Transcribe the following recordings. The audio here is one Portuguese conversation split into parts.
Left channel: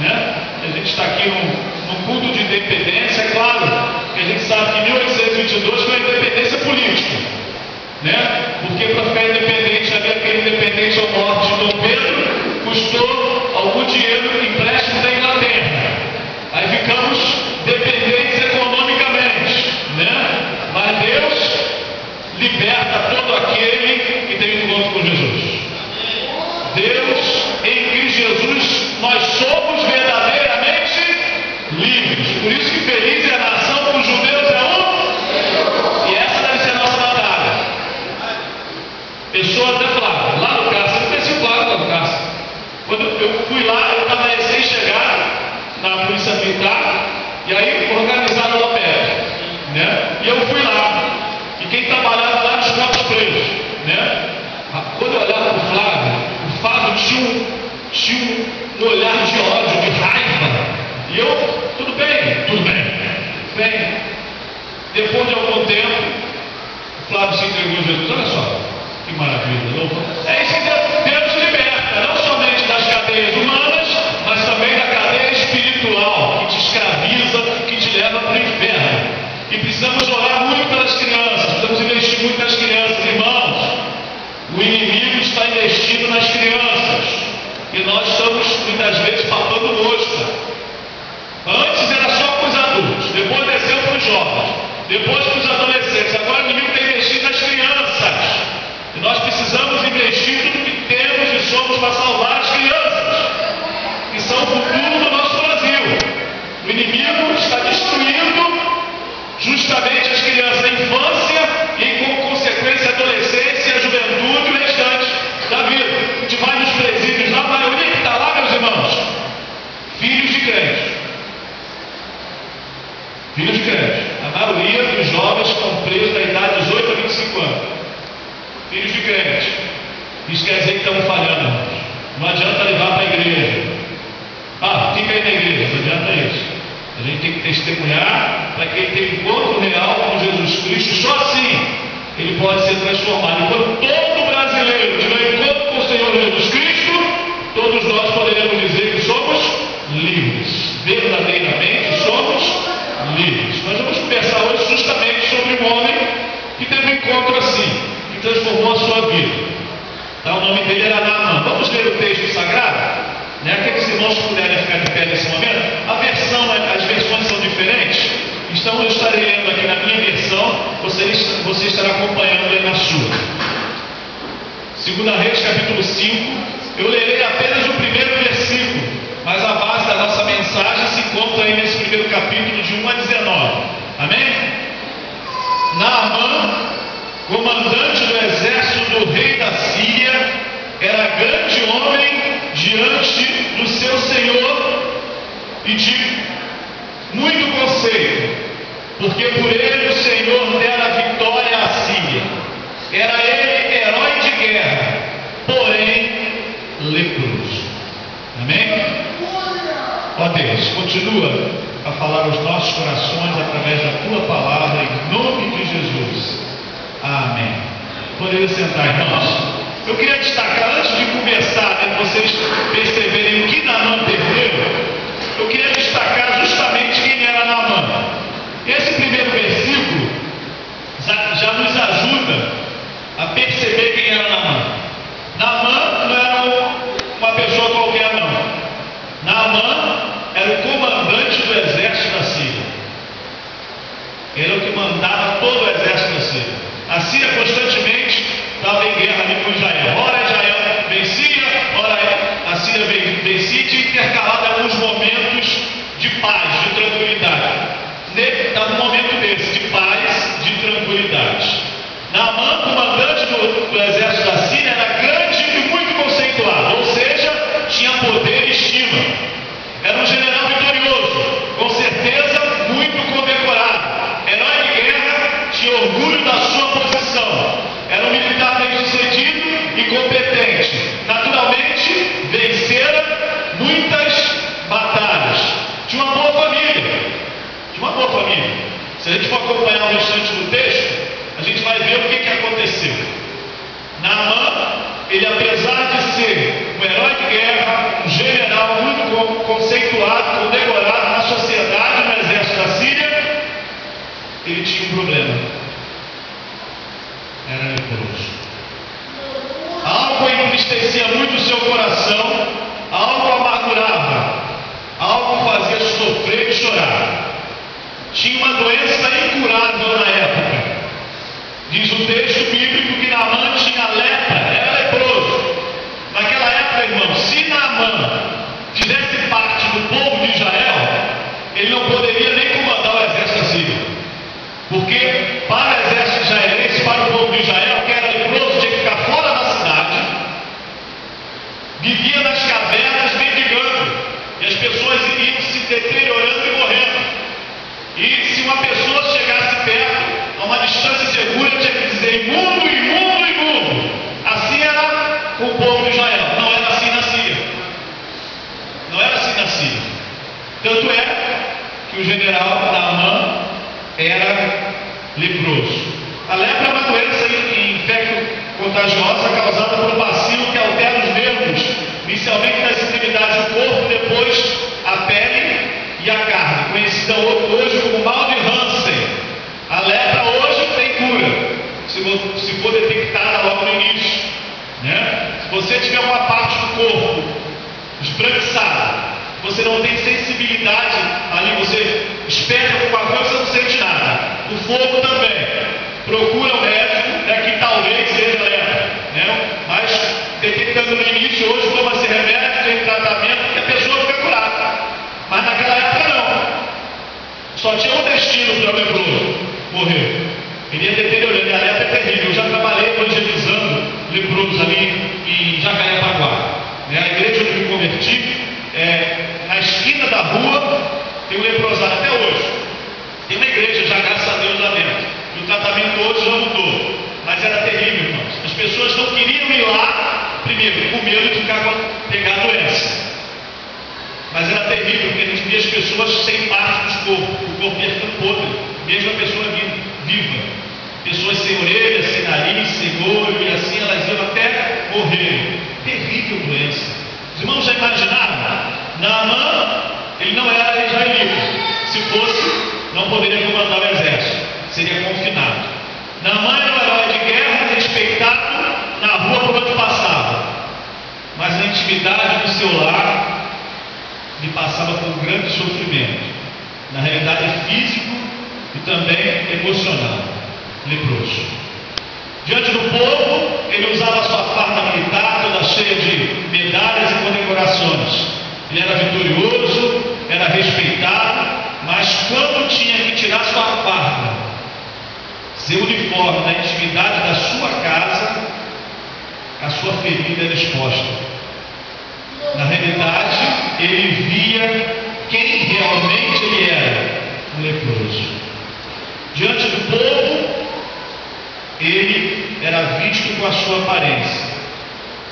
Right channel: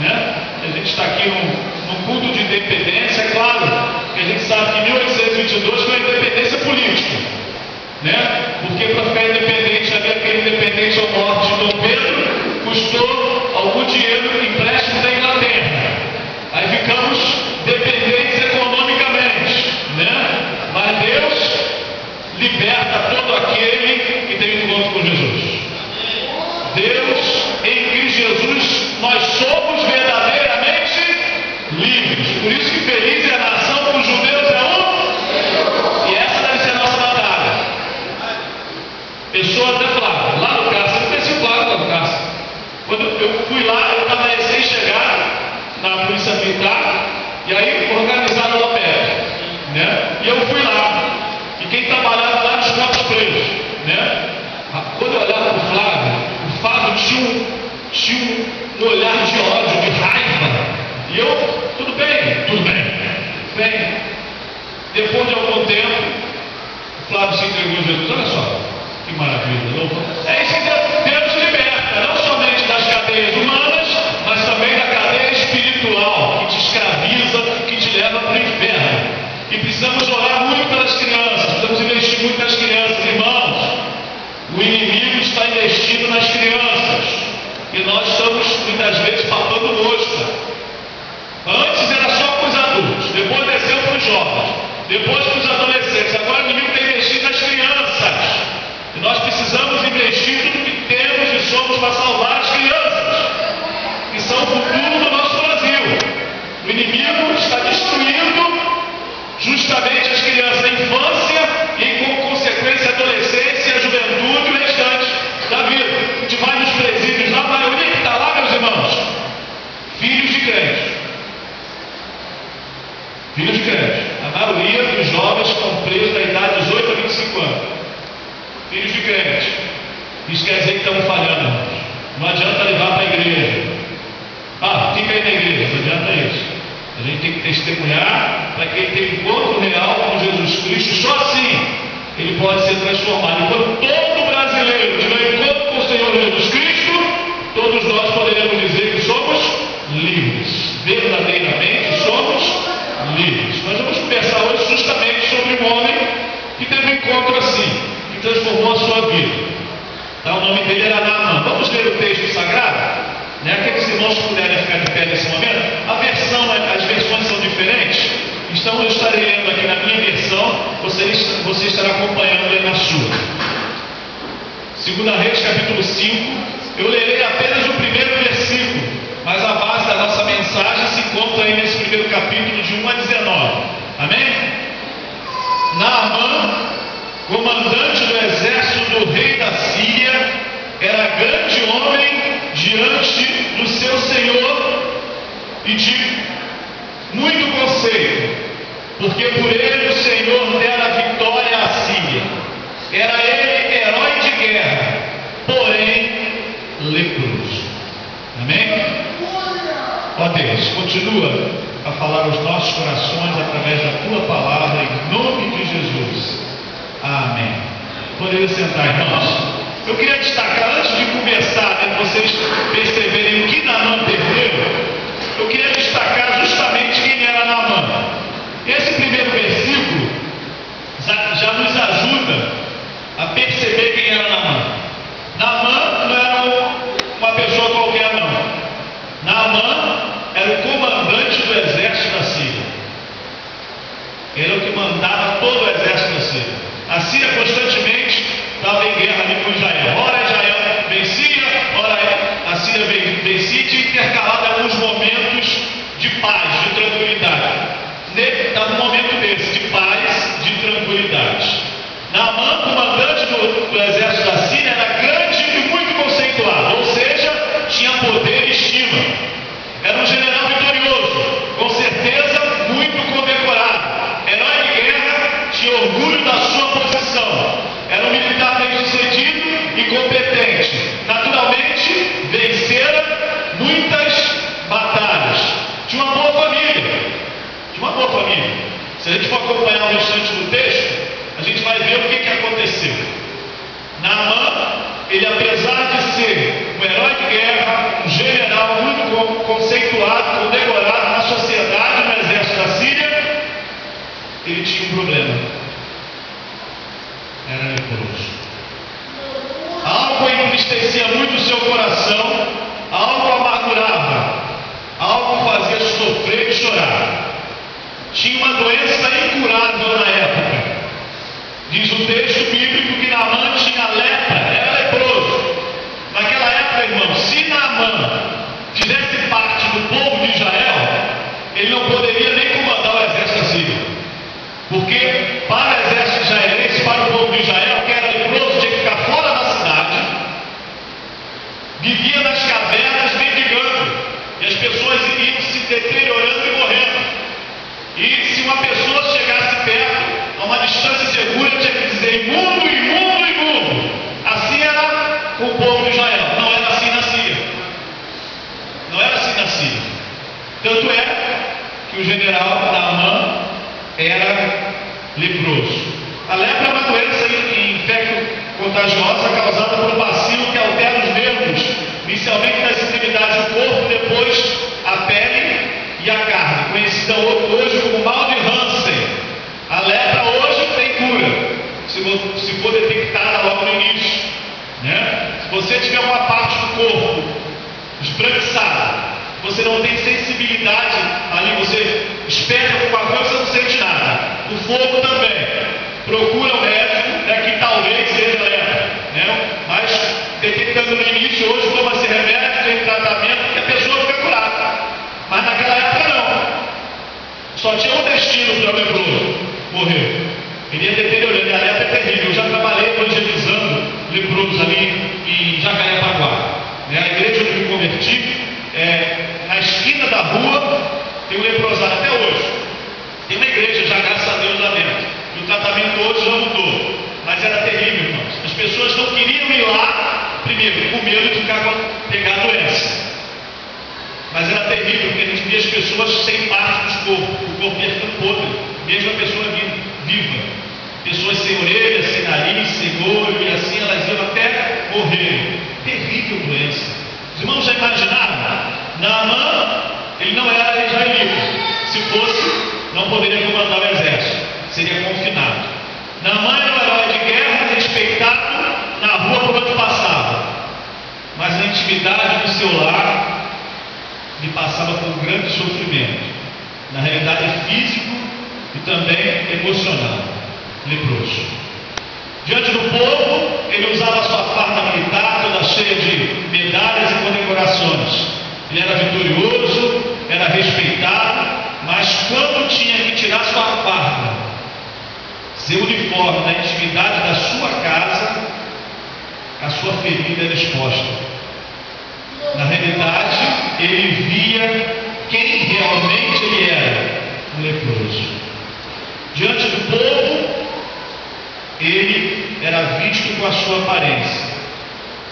né? A gente está aqui num culto de independência, é claro que a gente sabe que 1822 foi a independência política, né? Porque para ficar independente, aquele independente ao norte de Dom Pedro, custou algum dinheiro empréstimo da Inglaterra. Aí ficamos dependentes economicamente, né? Mas Deus liberta todo aquele que tem encontro com Jesus. Deus, em Cristo Jesus, nós somos verdadeiramente livres. Por isso que feliz é a nação dos judeus é um. E essa deve ser a nossa batalha. Pessoas até claro, lá no Castro, eu pensei claro lá no Castro. Quando eu fui lá, eu estava recém-chegado na polícia militar, e aí organizaram o LOPED, né? E eu fui lá. E quem trabalhava lá nos nossos presos, né? Quando eu olhava para o Flávio tinha um olhar de ódio, de raiva. E eu, tudo bem. Bem, depois de algum tempo, o Flávio se entregou a Jesus. Olha só, que maravilha, louco. É isso que Deus liberta, não somente das cadeias humanas, mas também da cadeia espiritual, que te escraviza, que te leva para o inferno. E precisamos orar muito pelas crianças, precisamos investir muito nas crianças, irmãos. O inimigo está investindo nas crianças e nós estamos muitas vezes papando mosca. Antes era só para os adultos, depois desceu para os jovens, depois para os adolescentes. Agora o inimigo está investindo nas crianças e nós precisamos investir tudo que temos e somos para salvar as crianças, que são o futuro do nosso Brasil. O inimigo está destruindo justamente as crianças da infância e, com consequência, a adolescência, a juventude e o restante da vida. A gente vai nos presídios, a maioria que está lá, meus irmãos, filhos de crentes. Filhos de crentes. A maioria dos jovens estão presos da idade de 18 a 25 anos. Filhos de crentes. Isso quer dizer que estamos falhando, irmãos. Não adianta levar para a igreja. Fica aí na igreja, não adianta isso. A gente tem que testemunhar para que ele tenha um encontro real com Jesus Cristo. Só assim ele pode ser transformado. Enquanto todo brasileiro tiver encontro com o Senhor Jesus Cristo, todos nós poderemos dizer que somos livres. Verdadeiramente somos livres. Nós vamos conversar hoje justamente sobre um homem que teve um encontro assim, que transformou a sua vida. O nome dele era Naamã. Vamos ler o texto sagrado? Aqueles irmãos que puderem ficar de pé nesse momento, as versões são diferentes, então eu estarei lendo aqui na minha versão, você estará acompanhando aí na sua. 2 Reis capítulo 5, eu lerei apenas o primeiro versículo, mas a base da nossa mensagem se encontra aí nesse primeiro capítulo de 1 a 19, amém? Naamã, comandante do exército do rei da Síria, era grande homem diante do seu Senhor e de muito conceito, porque por ele o Senhor dera a vitória à Síria. Era ele herói de guerra, porém leproso. Amém? Ó Deus, continua a falar aos nossos corações através da tua palavra, em nome de Jesus. Amém. Podemos sentar, irmãos. Eu queria destacar, antes de conversar, vocês perceberem o que Naamã perdeu, eu queria destacar justamente quem era Naamã. Esse primeiro versículo já nos ajuda a perceber quem era Naamã. Naamã não era uma pessoa qualquer, não. Naamã era o comandante do exército da Síria. Ele era o que mandava todo o exército da Síria. A Síria constantemente estava em guerra ali com Israel. Ora Israel vencia, ora a Síria vencia, e tinha intercalado alguns momentos de paz, de tranquilidade. Estava um momento desse, de paz, de tranquilidade. Naamã, comandante do exército da Síria, era grande e muito conceituado, ou seja, tinha poder e estima. Era um general vitorioso, com certeza muito condecorado. Herói de guerra, tinha orgulho da sua posição. Era um militar bem-sucedido e competente. Naturalmente, vencera muitas batalhas. Tinha uma boa família. Se a gente for acompanhar o restante do texto, a gente vai ver o que aconteceu. Naamã, ele apesar de ser um herói de guerra, um general muito conceituado, condecorado na sociedade, no exército da Síria, ele tinha um problema. Era leproso. Algo entristecia muito o seu coração, algo amargurava, algo fazia sofrer e chorar. Tinha uma doença incurável na época. Diz o texto bíblico que Naamã tinha lepra, era leproso. Naquela época, irmão, se Naamã fizesse parte do povo de Israel, ele não poderia nem comandar o exército assírio. Porque para o exército israelense, para o povo de Israel, que era leproso, tinha que ficar fora da cidade, vivia nas cavernas mendigando, e as pessoas iriam se deteriorando e morrendo. E se uma pessoa chegasse perto, a uma distância segura, tinha que dizer imundo, imundo, imundo. Assim era com o povo de Israel, não era assim na Síria. Não era assim na Síria. Tanto é que o general Naamã era leproso. A lepra é uma doença infecto-contagiosa causada por um bacilo que altera os nervos, inicialmente nas extremidades do corpo, depois a pele e a carne, conhecida hoje como mal de Hansen. A lepra hoje tem cura, se for detectada logo no início, né? Se você tiver uma parte do corpo esbranquiçada, você não tem sensibilidade ali, você espera alguma coisa, você não sente nada. O fogo também. Procura o médico, né, que talvez seja lepra, né? Mas detectando no início, hoje toma-se remédio, tem tratamento, e a pessoa fica curada. Mas naquela época não. Só tinha um destino para o leproso morrer. Ele ia deteriorando, e a lepra é terrível. Eu já trabalhei evangelizando leprosos ali em Jacarepaguá. A igreja onde eu me converti, na esquina da rua, tem um leprosário até hoje. Tem uma igreja já, graças a Deus, lá dentro. E o tratamento hoje já mudou. Mas era terrível, irmãos. As pessoas não queriam ir lá, primeiro, com medo de pegar a doença. Mas era terrível, porque a gente via as pessoas sem partes do corpo. O corpo ia ficando podre, mesmo a pessoa viva. Pessoas sem orelha, sem nariz, sem olho, e assim elas iam até morrer. Terrível doença. Os irmãos já imaginaram? Naamã, ele não era israelita. Se fosse, não poderia comandar o exército. Seria confinado. Naamã era um herói de guerra, respeitado na rua por onde passava. Mas na intimidade do seu lar, ele passava por um grande sofrimento. Na realidade físico e também emocional. Leproso. Diante do povo, ele usava sua farda militar, toda cheia de medalhas e condecorações. Ele era vitorioso, era respeitado, mas quando tinha que tirar sua farda, seu uniforme na intimidade da sua casa, a sua ferida era exposta. Na realidade, ele via quem realmente ele era, um leproso. Diante do povo, ele era visto com a sua aparência,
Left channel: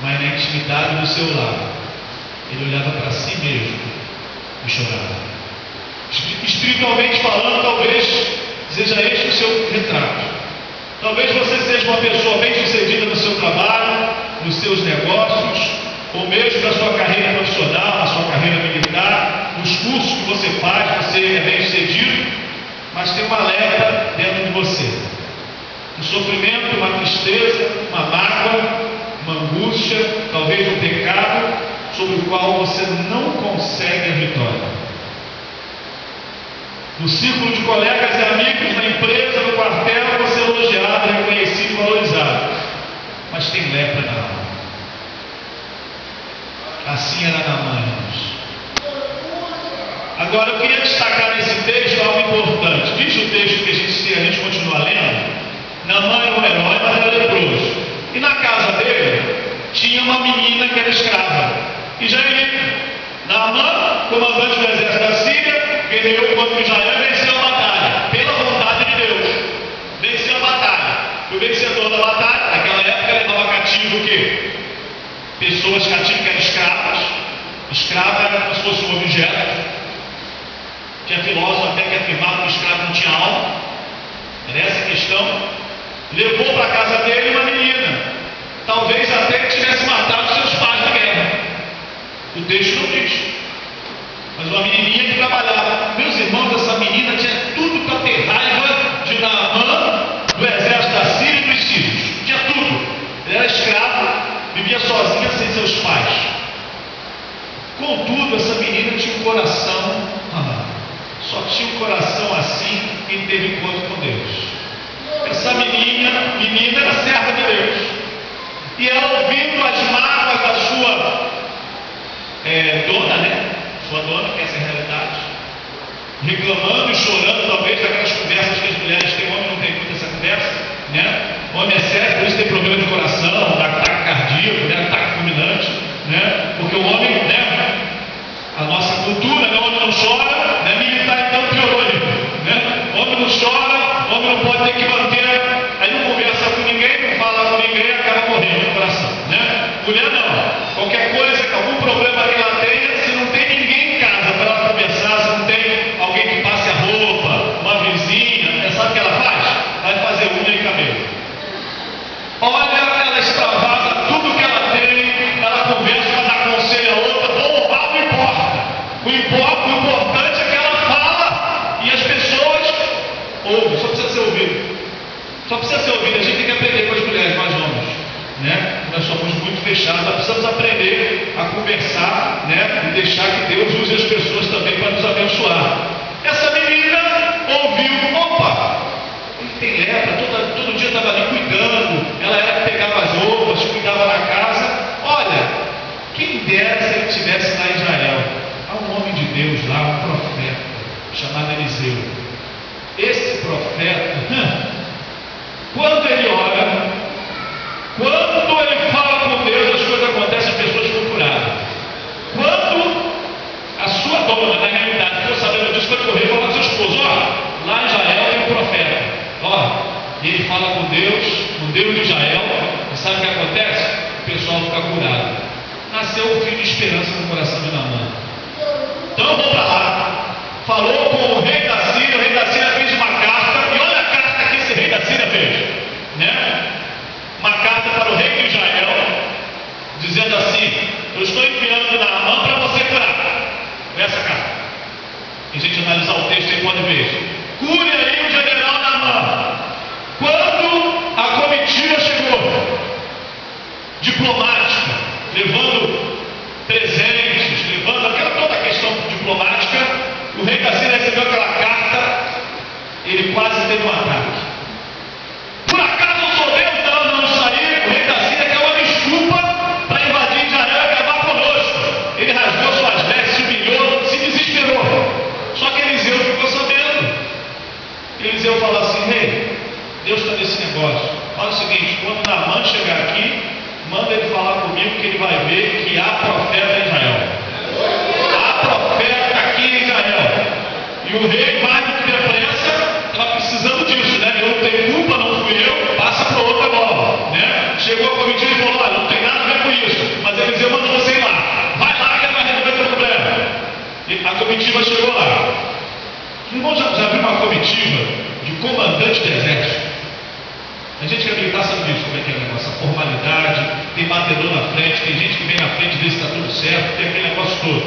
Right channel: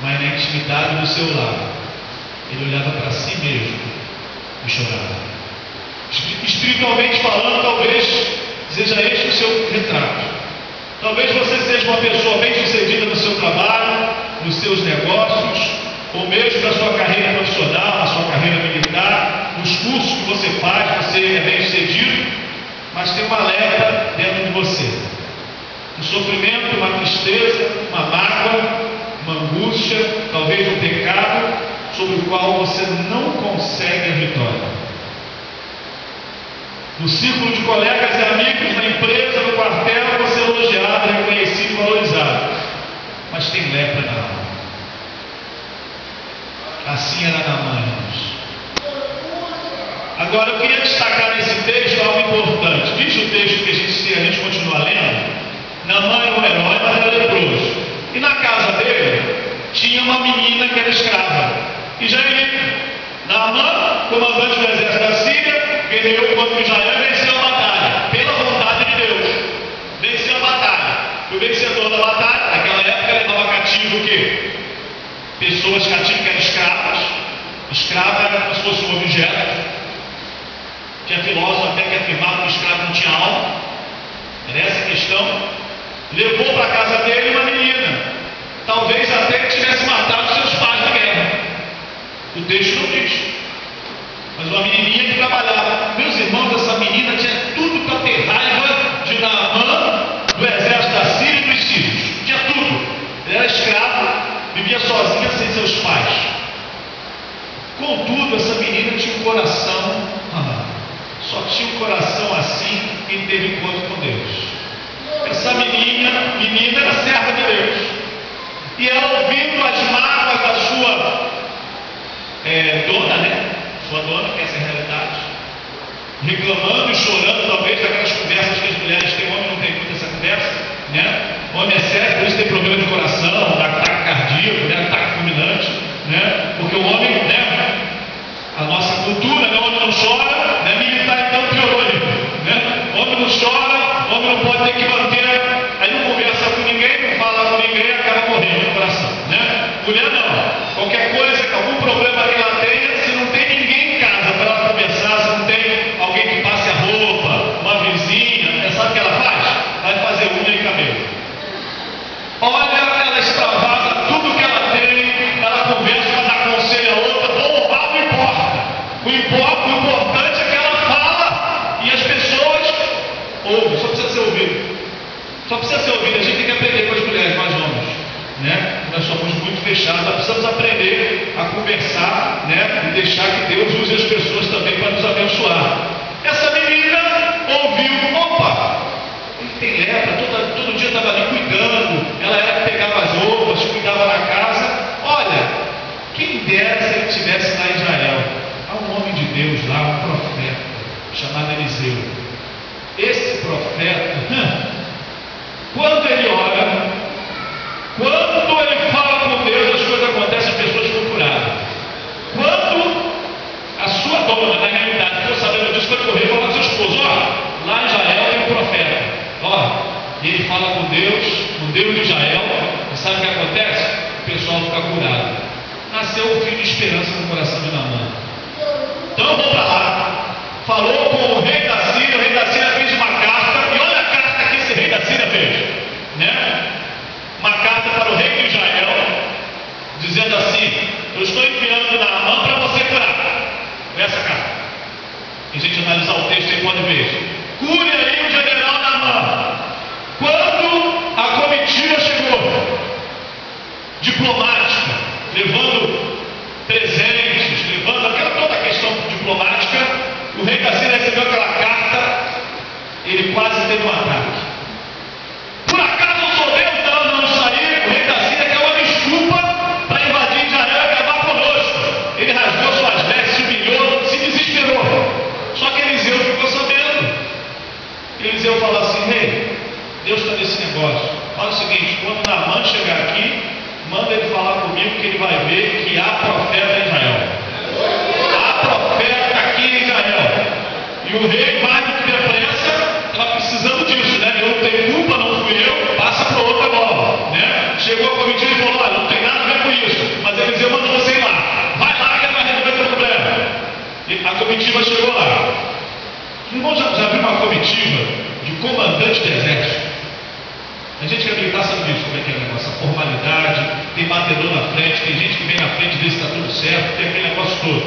mas na intimidade do seu lar, ele olhava para si mesmo e chorava. Espiritualmente falando, talvez seja este o seu retrato. Talvez você seja uma pessoa bem sucedida no seu trabalho, nos seus negócios, ou mesmo na sua carreira profissional, na sua carreira militar, nos cursos que você faz, você é bem sucedido, mas tem uma lepra dentro de você. Um sofrimento, uma tristeza, uma mágoa, uma angústia, talvez um pecado, sobre o qual você não consegue a vitória. No círculo de colegas e amigos, na empresa, no quartel, você é elogiado, reconhecido e valorizado. Mas tem lepra na alma. Assim era Naamã, irmãos. Agora eu queria destacar nesse texto algo importante. Diz o texto que a gente continua lendo. Naamã era um herói, mas era leproso. E na casa dele tinha uma menina que era escrava. E Israelita. Naamã, comandante do exército da Síria, guerreou contra Israel e venceu a batalha. Pela vontade de Deus. Venceu a batalha. O vencedor da batalha, naquela época, levava cativo o quê? Pessoas cativas que eram escravas. Escrava era como se fosse um objeto. Tinha filósofo até que afirmava que o escravo não tinha alma. Era essa a questão. Levou para a casa dele uma menina. Talvez até que tivesse matado seus pais na guerra. O texto não diz. mas uma menininha que trabalhava. Meus irmãos, essa menina tinha tudo para ter raiva de Naamã, do exército da Síria e dos sírios. Tinha tudo. Ela era escrava, vivia sozinha sem seus pais. Contudo, essa menina tinha um coração, só tinha um coração assim quem teve encontro com Deus. Essa menina era serva de Deus. E ela, ouvindo as mágoas da sua dona, né? Sua dona, que essa é a realidade, reclamando e chorando, talvez, daquelas conversas que as mulheres têm. Homem não tem muito essa conversa, né? Homem é sério, por isso tem problema de coração, ataque cardíaco, né? Ataque fulminante, né? Porque o homem, né? A nossa cultura, né? O homem não chora, né? Militar então piorou ali, né? O homem não chora, o homem não pode ter que manter, aí não conversa com ninguém, não fala com ninguém, acaba morrendo no coração, né? Mulher não, qualquer coisa, algum problema que ela tenha, se não tem ninguém em casa para ela conversar, se não tem alguém que passe a roupa, uma vizinha, sabe o que ela faz? Vai fazer unha e cabelo. Olha, ela extravasa tudo que ela tem, ela conversa, ela dá conselho a outra, ou mal não importa. O importante é que ela fala e as pessoas ouvem, só precisa ser ouvido. Só precisa ser ouvido. A gente tem que aprender com as mulheres, nós homens, né? Nós somos muito fechados, nós precisamos aprender a conversar, né? E deixar que Deus use as pessoas também para nos abençoar. Essa menina ouviu, opa, ele tem lepra, todo dia estava ali cuidando, ela era que pegava as roupas, cuidava da casa. Olha, quem dera se ele estivesse lá em Israel. Há um homem de Deus lá, um profeta, chamado Eliseu. Esse profeta, quando ele ora, quando ele fala com Deus, as coisas acontecem, as pessoas ficam curadas. Quando a sua dona, na realidade, ficou sabendo disso, foi correr e falar com seu esposo: ó, lá em Israel tem um profeta, ó, e ele fala com Deus de Israel, e sabe o que acontece? O pessoal fica curado. Nasceu um filho de esperança no coração de Naamã. Então vou para lá, falou com o rei da Síria fez uma carta, e olha a carta que esse rei da Síria fez, né? Uma carta para o rei de Israel, dizendo assim: eu estou enviando Naamã para você curar. Foi essa carta. E a gente analisar o texto aí pode ver. Cure aí o general Naamã. Quando a comitiva chegou, diplomática, levando presentes, levando toda a questão diplomática, o rei da Síria recebeu aquela carta, ele quase teve um ataque. Por acaso eu sou Deus? Não, isso aí, o rei da Síria quer uma desculpa para invadir Israel e acabar conosco. Ele rasgou suas vestes, se humilhou, se desesperou. Só que Eliseu ficou sabendo. Eliseu falou assim: rei, Deus está nesse negócio. Fala o seguinte: quando Naamã chegar aqui, manda ele falar comigo, que ele vai ver que há profeta em Israel. Há profeta aqui em Israel. E o rei, mais do que depressa, estava precisando disso, né? Eu não tenho culpa, não fui eu, passa para outra bola, né? Chegou a comitiva e falou: olha, não tem nada a ver com isso, mas Eliseu mandou você ir lá. Vai lá que ele vai resolver o problema. E a comitiva chegou lá. Irmão, já viu uma comitiva de comandante do exército? A gente que é militar sabe disso, como é que é o negócio, a formalidade, tem batedor na frente, tem gente que vem na frente e vê se está tudo certo, tem aquele negócio todo.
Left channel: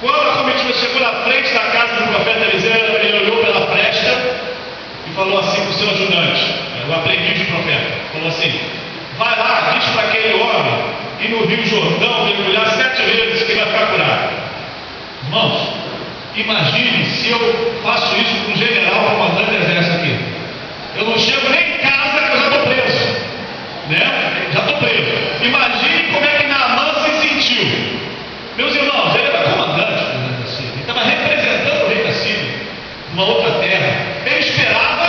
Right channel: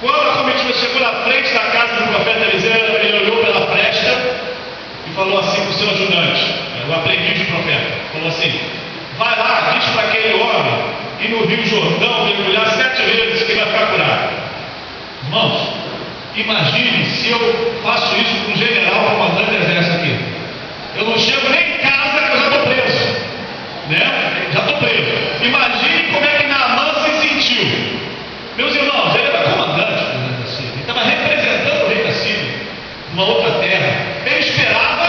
Quando a comitiva chegou na frente da casa do profeta Eliseu, ele olhou pela fresta e falou assim para o seu ajudante, o aprendiz de profeta, falou assim: vai lá, diz para aquele homem ir no Rio Jordão, mergulhar 7 vezes que ele vai ficar curado. Irmãos, imagine se eu faço isso com um general comandante do exército aqui. Eu não chego nem em casa que eu já estou preso, né? Já estou preso. Imagine como é que Naamã se sentiu. Meus irmãos, ele era comandante do rei da Síria, ele estava representando o rei da Síria, uma outra terra. Ele esperava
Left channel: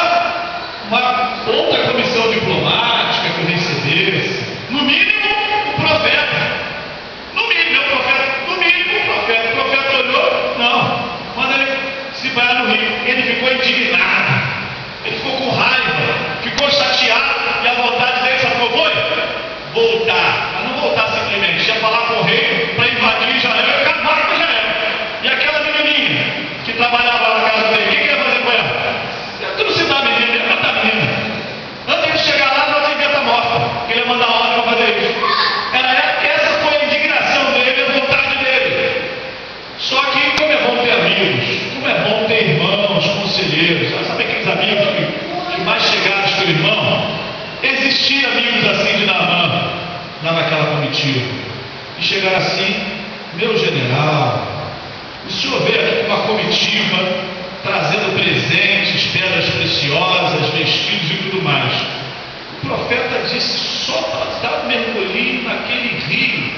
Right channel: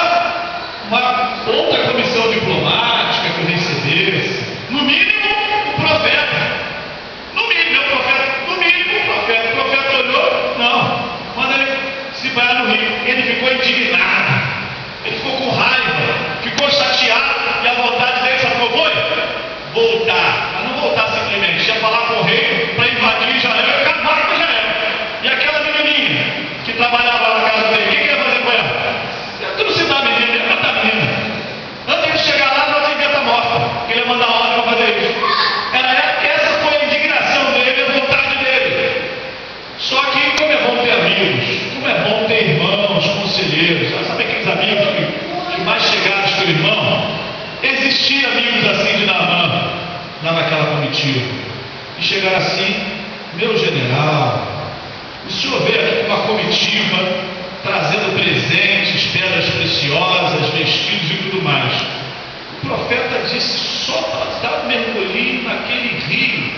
uma outra comissão diplomática que o recebesse, no mínimo o profeta. No mínimo o profeta. O profeta olhou, não, manda ele se banhar no rio. Ele ficou indignado, ele ficou com raiva, ficou chateado, e a vontade dele, sabe qual foi? Voltar, mas não voltar simplesmente, ia falar com o rei para invadir Israel e acabar com Israel. E aquela menininha que trabalhava na casa dele, o que ia fazer com ela? Tu não se dá a menina, ele mata a menina. Antes de chegar lá, ela devia estar morta, porque ele ia mandar ordem para fazer isso. Essa foi a indignação dele, a vontade dele. Só que, como é bom amigos. Como é bom ter irmãos, conselheiros. Sabe aqueles amigos que mais chegados que o irmão? Existiam amigos assim de Naamã, lá naquela comitiva. E chegaram assim: meu general, o senhor veio aqui com uma comitiva, trazendo presentes, pedras preciosas, vestidos e tudo mais. O profeta disse: só para dar um mergulhinho naquele rio,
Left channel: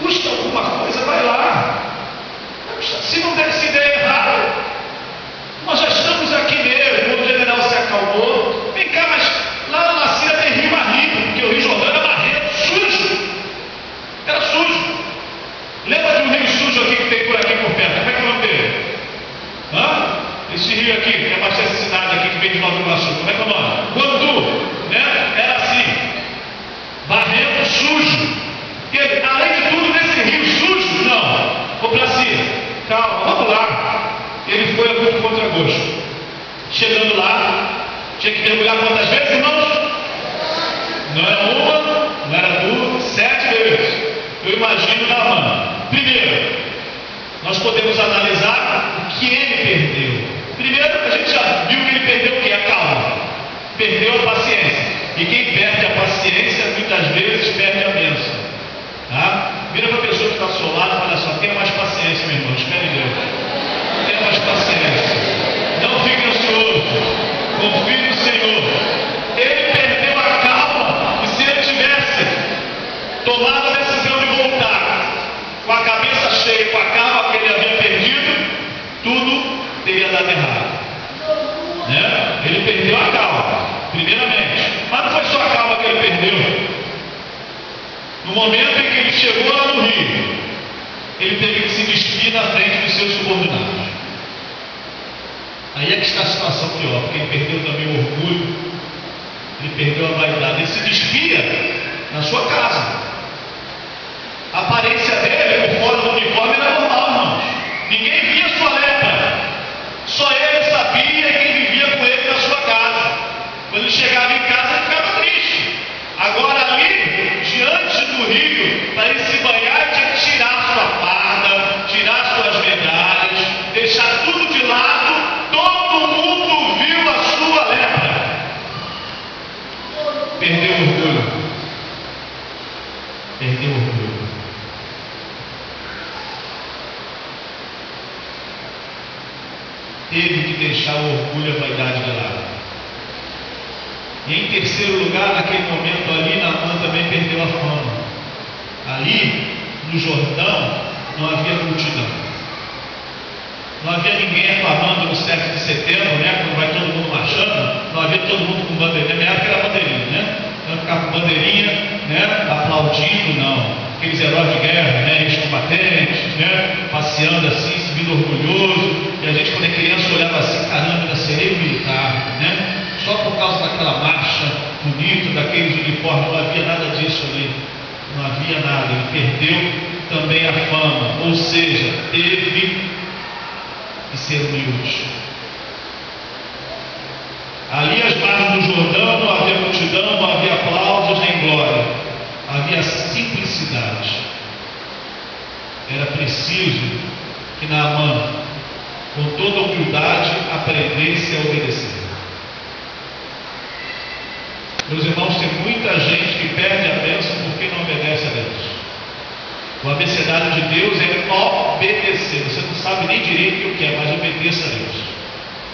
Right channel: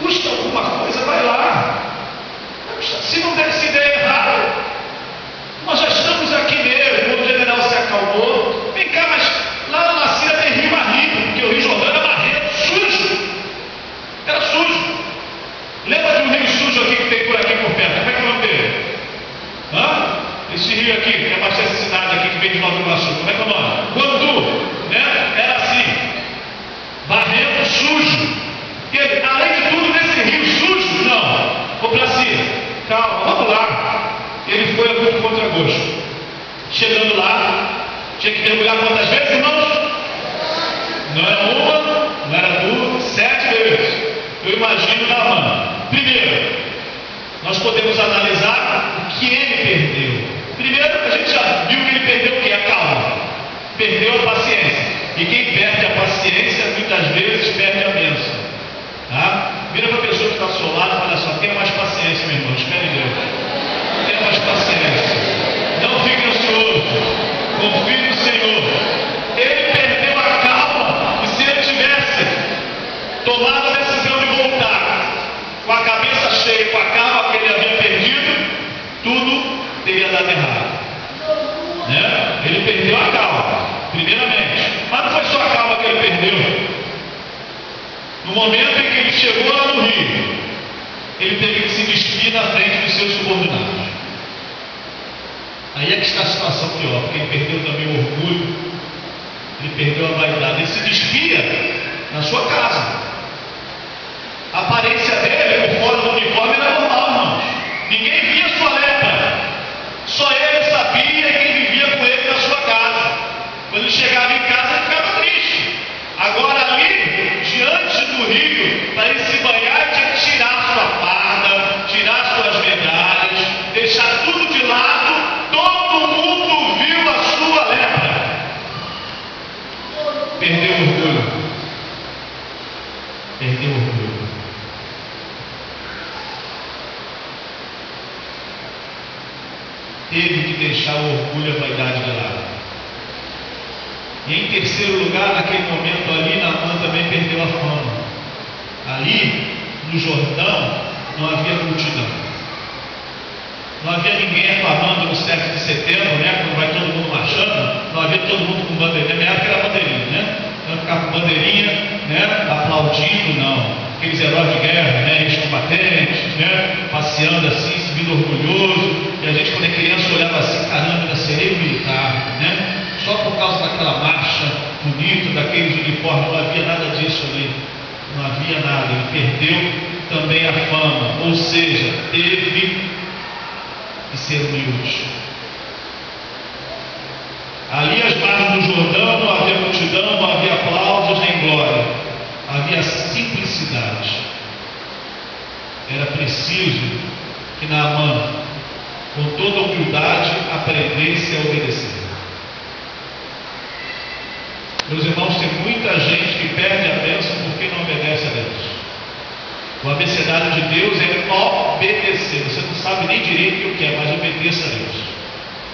custa alguma coisa, vai lá. Se não der essa ideia errada, nós já estamos aqui mesmo. O general se acalmou. Vem cá, mas lá na Síria tem rio marrento, porque o Rio Jordão era marrento, sujo. Era sujo. Lembra de um rio sujo aqui que tem por aqui por perto? Como é que é o nome dele? Esse rio aqui, que abastece essa cidade aqui que vem de Nova Iguaçu, como é que é o nome? Guandu, né? Era assim, barrento, sujo. E ele, além de tudo, nesse rio sujo, não. Ô Placida, calma, vamos lá. Ele foi a muito contra-gosto. Chegando lá, tinha que mergulhar quantas vezes, irmãos? Não era uma, não era duas, 7 vezes. Eu imagino Naamã. Primeiro, nós podemos analisar o que ele perdeu. Primeiro, a gente já viu que ele perdeu o que? A calma. Perdeu a paciência. E quem perde a paciência, muitas vezes, perde a bênção. Tá? Vira para a pessoa que está ao seu lado e fala só: tenha mais paciência, meu irmão. Espere em Deus. Tenha mais paciência. Não fique ansioso. Confie no Senhor. Ele perdeu a calma. E se ele tivesse tomado a decisão de voltar, com a cabeça cheia, com a calma que ele havia perdido, tudo teria dado errado, né? Ele perdeu a calma, primeiramente, mas não foi só a calma que ele perdeu. No momento em que ele chegou lá no rio, ele teve que se despir na frente dos seus subordinados. Aí é que está a situação pior, porque ele perdeu também o orgulho, ele perdeu a vaidade. Ele se despia na sua casa. A aparência dele, por fora do uniforme, era normal, irmãos. Ninguém via sua lepra. Só ele sabia e quem vivia com ele na sua casa. Quando ele chegava em casa, ele ficava triste. Agora ali, diante do rio, para ele se banhar, ele tinha que tirar sua farda, tirar suas medalhas, deixar tudo de lado. Todo mundo viu a sua lepra. Perdeu o orgulho. Perdeu o orgulho. Teve que deixar o orgulho e a vaidade de lado. E em terceiro lugar, naquele momento ali, Naamã também perdeu a fama. Ali, no Jordão, não havia multidão. Não havia ninguém aclamando no 7 de setembro, né? Quando vai todo mundo marchando, não havia todo mundo com bandeirinha. Na minha época era bandeirinha, né? Não ficava com bandeirinha, né? Aplaudindo, não. Aqueles heróis de guerra, né? Eles combatentes, né? Passeando assim, subindo orgulhoso. E a gente, quando é criança, olhava assim: caramba, era sereio militar, né? Só por causa daquela marcha bonita, daqueles uniformes, não havia nada disso ali. Não havia nada. Ele perdeu também a fama. Ou seja, teve que ser humilde. Ali às margens do Jordão não havia multidão, não havia aplausos nem glória. Havia simplicidade. Era preciso que Naamã, com toda humildade, aprendesse a obedecer. Meus irmãos, tem muita gente que perde a bênção porque não obedece a Deus. O abecedário de Deus é obedecer. Você não sabe nem direito o que é, mas obedeça a Deus.